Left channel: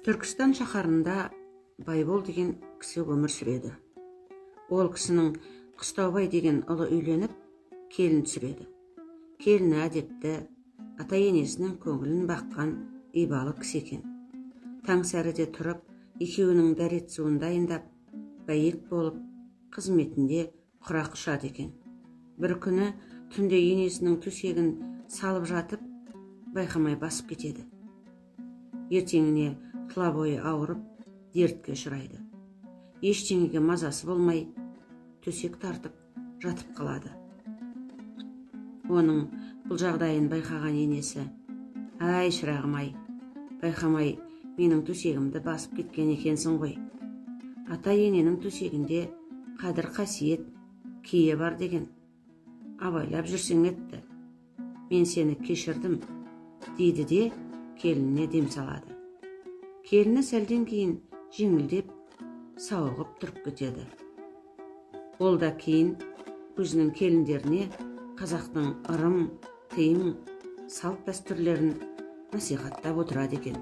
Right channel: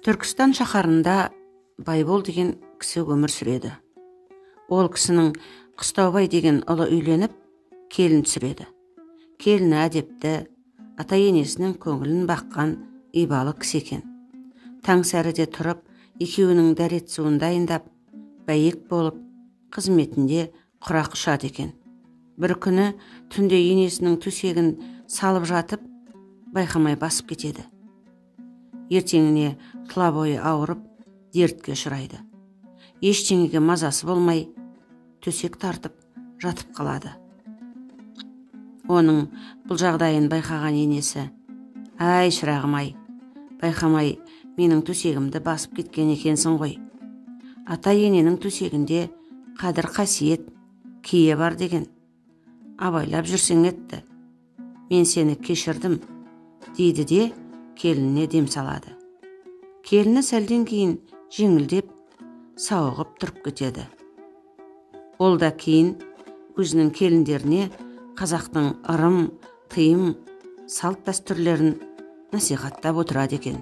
Түркістан шаһарында Байбол деген кісі өмір сүреді. Ол кісінің Қыстаубай деген ұлы үйленіп, келін түсіреді. Келіні әдепті, ата-енесінің көңілін баққан ибалы кісі екен. Таңсәріде тұрып, екеуінің дәрет суын дайындап, бәйек болып, қызметінде құрақ ұшады екен. Бір күні түнде енесінің төсегін салып жатып, байқамай басып кетеді. Ертеңіне тұла бойы ауырып, дертке ұшырайды. Ештеңеге мазасы болмай, төсек тартып, жатып қалады. Оның бұл жағдайын байқаған енесі: «Ай, шырағым-ай, байқамай менің төсегімді басып кеткен екенсің ғой. Ата-ененің төсегінде қадір қасиет, кие бар деген. Абайлап жүрсең етті. Мен сені кешірдім», дейді де келініне дем салады. Келіні сәлден кейін жеңілдеп, сауығып тұрып кетеді. Ол да кейін өзінің келіндеріне қазақтың ырым, тыйым, салт дәстүрлерін насихаттап отырады екен.